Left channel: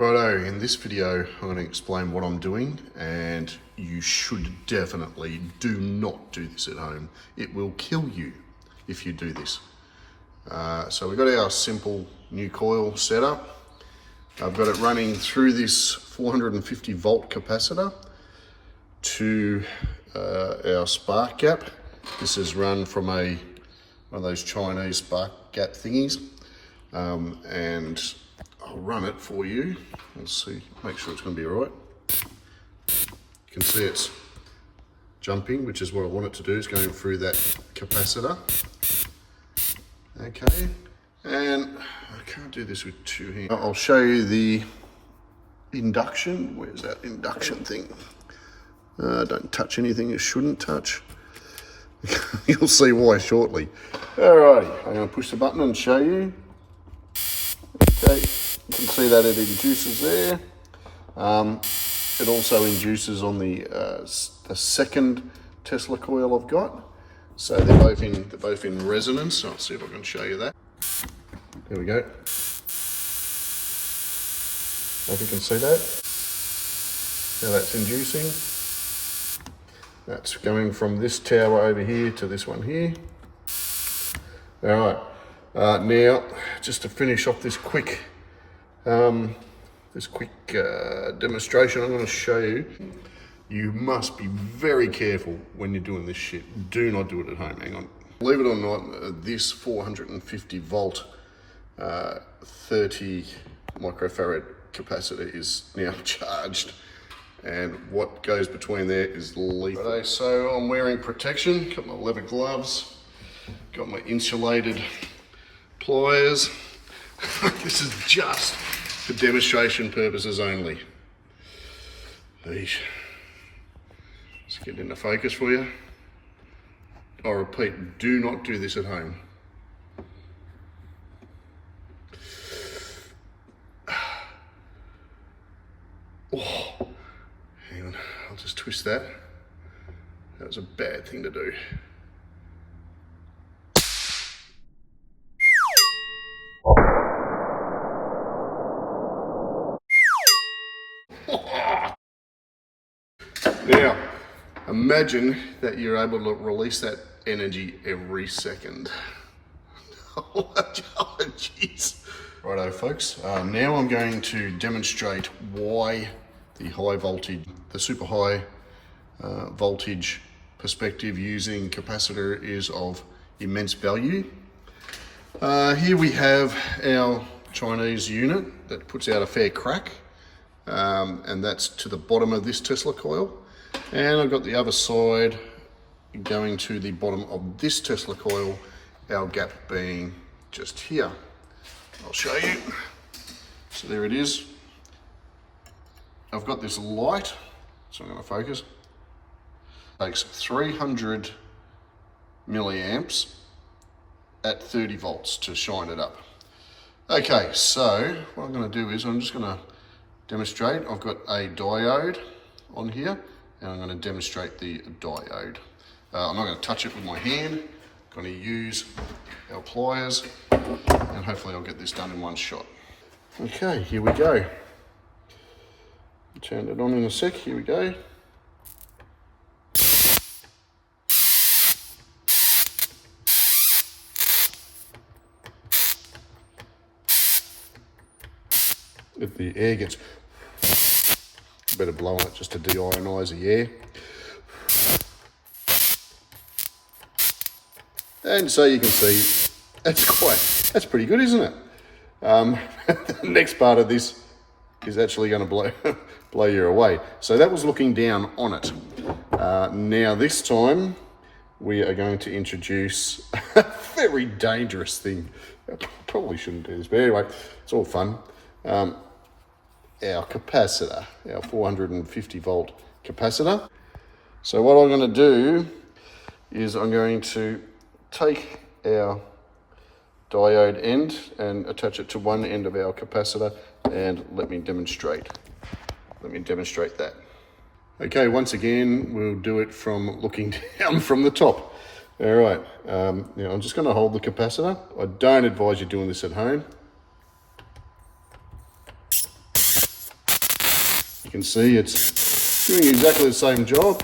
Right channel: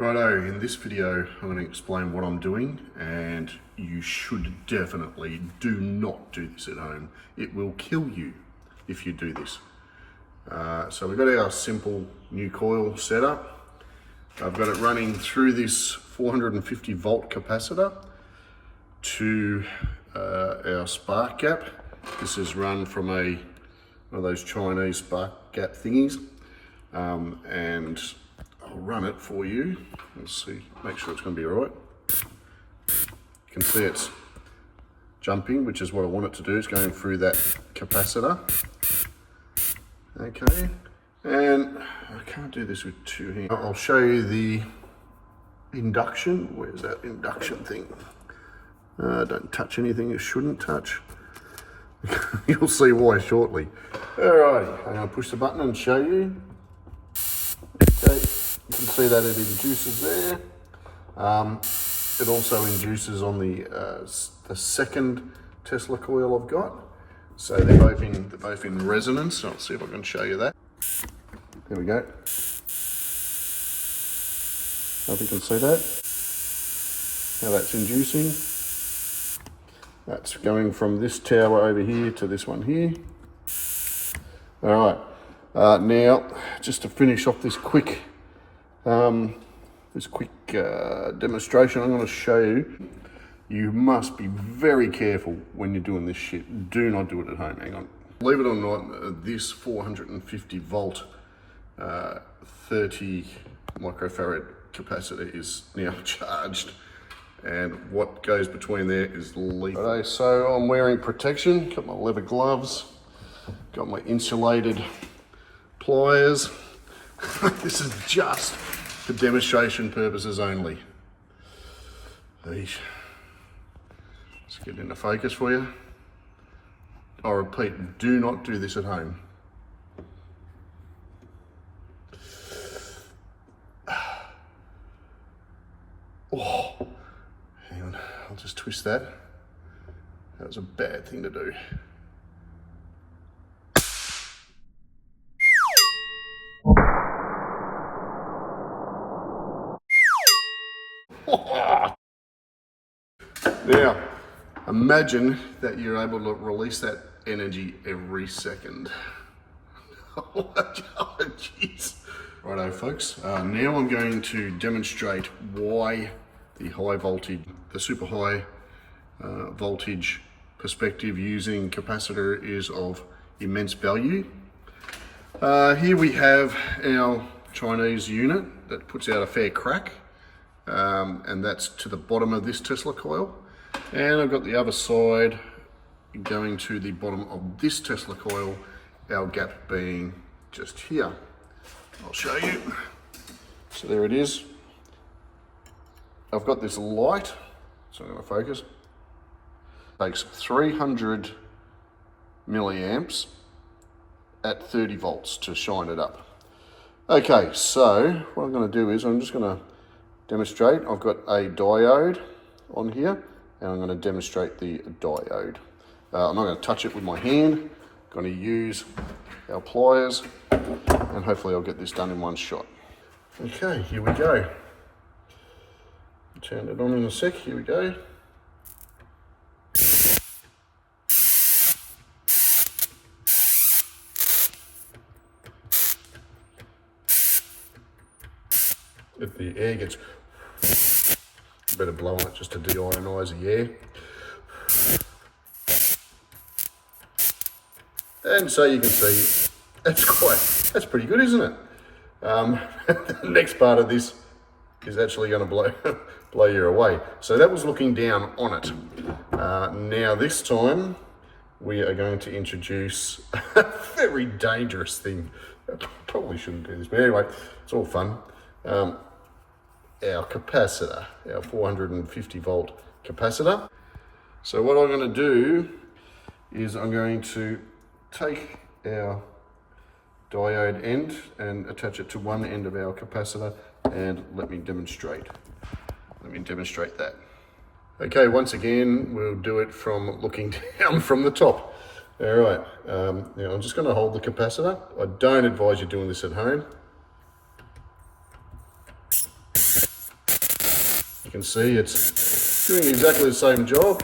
Righto, in this video I'm going to explain what I'm doing, and you should definitely do not do this at home. It will kill you if you do this. So we've got our simple new coil setup. I've got it running through this 450 volt capacitor to our spark gap. This is run from one of those Chinese spark gap thingies, and I'll run it for you. Let's see, make sure it's going to be all right. You can see it's jumping, which is what I want it to do. It's going through that capacitor. Okay, and I can't do this with two hands. I'll show you the induction. Where's that induction thing? Don't touch anything it shouldn't touch. You'll see why shortly. Alrighty, I'm going to push the button and show you. Okay, you can see that it induces there. It also induces on the second Tesla coil I've got. So they're both in resonance. I'll see if I can show you that. There we go. Hope you can see that. Now that's inducing. That's going from this tower over here to this one here. All right. Now, just to finish off this quick demonstration, I'm going to show you. You must be very careful when you're doing this shit. Do not do it at home. Hang on. Believe it or not, this 450 volt 30 microfarad capacitor is now charged, and what goes between there is lethal. Okay, so I'm wearing protection, got my leather gloves, got my insulated pliers. This is just for demonstration purposes only. Let's get into focus for you. I repeat, do not do this at home. Oh, hang on, I'll just twist that. That was a bad thing to do. Now, imagine that you're able to release that energy every second. Oh, jeez. Righto, folks. Now I'm going to demonstrate why the super high voltage perspective using capacitor is of immense value. Here we have our Chinese unit that puts out a fair crack, and that's to the bottom of this Tesla coil. And I've got the other side going to the bottom of this Tesla coil, our gap being just here. I'll show you. So there it is. I've got this light, so I'm going to focus. It takes 300 milliamps at 30 volts to shine it up. Okay, so what I'm going to do is I'm just going to demonstrate. I've got a diode on here, and I'm going to demonstrate the diode. I'm not going to touch it with my hand. I'm going to use our pliers, and hopefully I'll get this done in one shot. Okay, here we go. Turn it on in a sec. Here we go. If the air gets, better blow on it just to deionise the air. And so you can see, that's pretty good, isn't it? The next part of this is actually going to blow you away. So that was looking down on it. Now this time we are going to introduce a very dangerous thing. I probably shouldn't do this, but anyway, it's all fun. Our capacitor, our 450 volt capacitor. So what I'm going to do is I'm going to take our diode end and attach it to one end of our capacitor, and let me demonstrate that. Okay, once again, we'll do it from looking down from the top. All right, now I'm just going to hold the capacitor. I don't advise you doing this at home. You can see it's doing exactly the same job.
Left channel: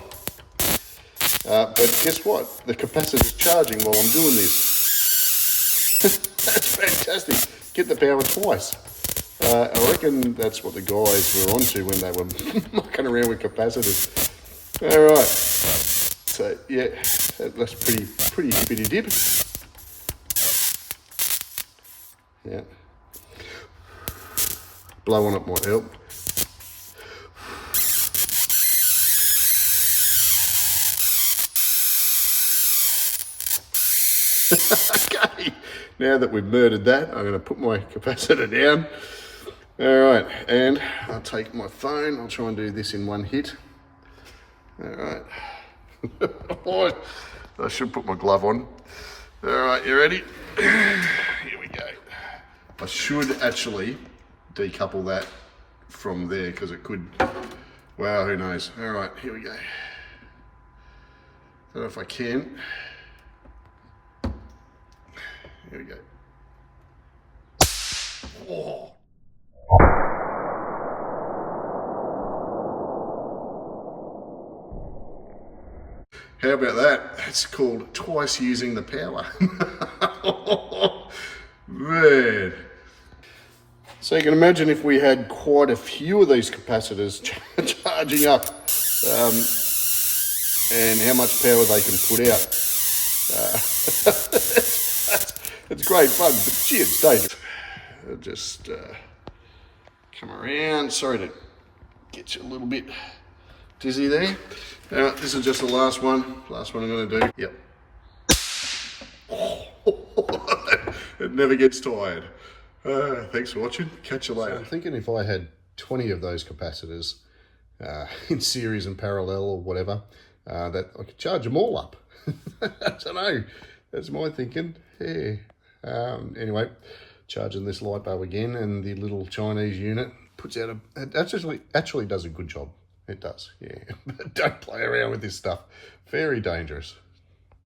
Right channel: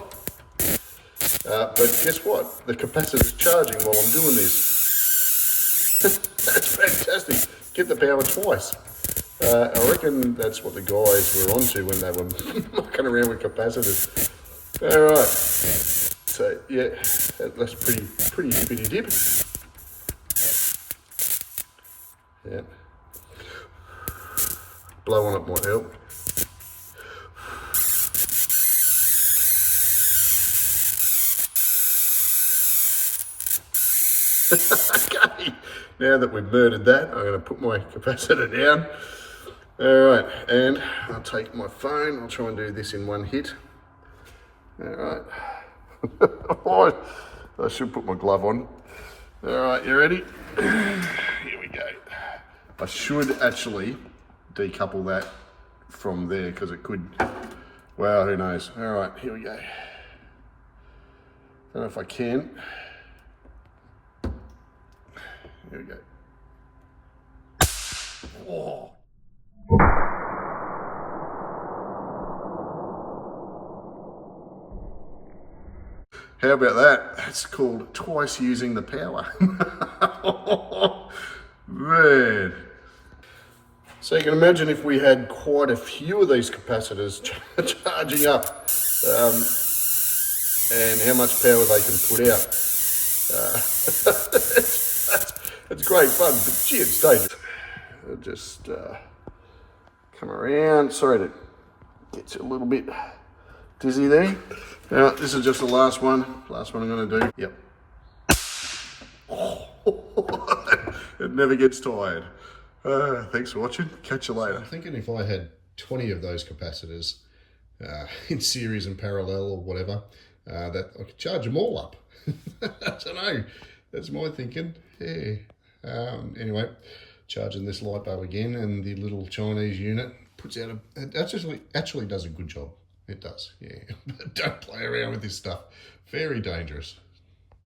But guess what? The capacitor's charging while I'm doing this. That's fantastic. Get the power twice. I reckon that's what the guys were onto when they were mucking around with capacitors. Alright. So yeah, that's pretty spitty dip. Yeah. Blow on it might help. Okay, now that we've murdered that, I'm going to put my capacitor down. Alright, and I'll take my phone, I'll try and do this in one hit. Alright. I should put my glove on. Alright, you ready? Here we go. I should actually decouple that from there because it could, well, who knows. Alright, here we go. Don't know if I can. Here we go. Oh. How about that? That's called twice using the power. Man. So you can imagine if we had quite a few of these capacitors charging up and how much power they can put out. It's great fun, but gee, it's dangerous. I'll just come around. Sorry to get you a little bit dizzy there. Now, this is just the last one. Last one I'm going to do. Yep. It never gets tired. Thanks for watching. Catch you later. So I'm thinking if I had 20 of those capacitors in series and parallel or whatever, that I could charge them all up. I don't know. That's my thinking. Yeah. Anyway, charging this light bulb again, and the little Chinese unit puts out it actually does a good job. It does, yeah. But don't play around with this stuff. Very dangerous.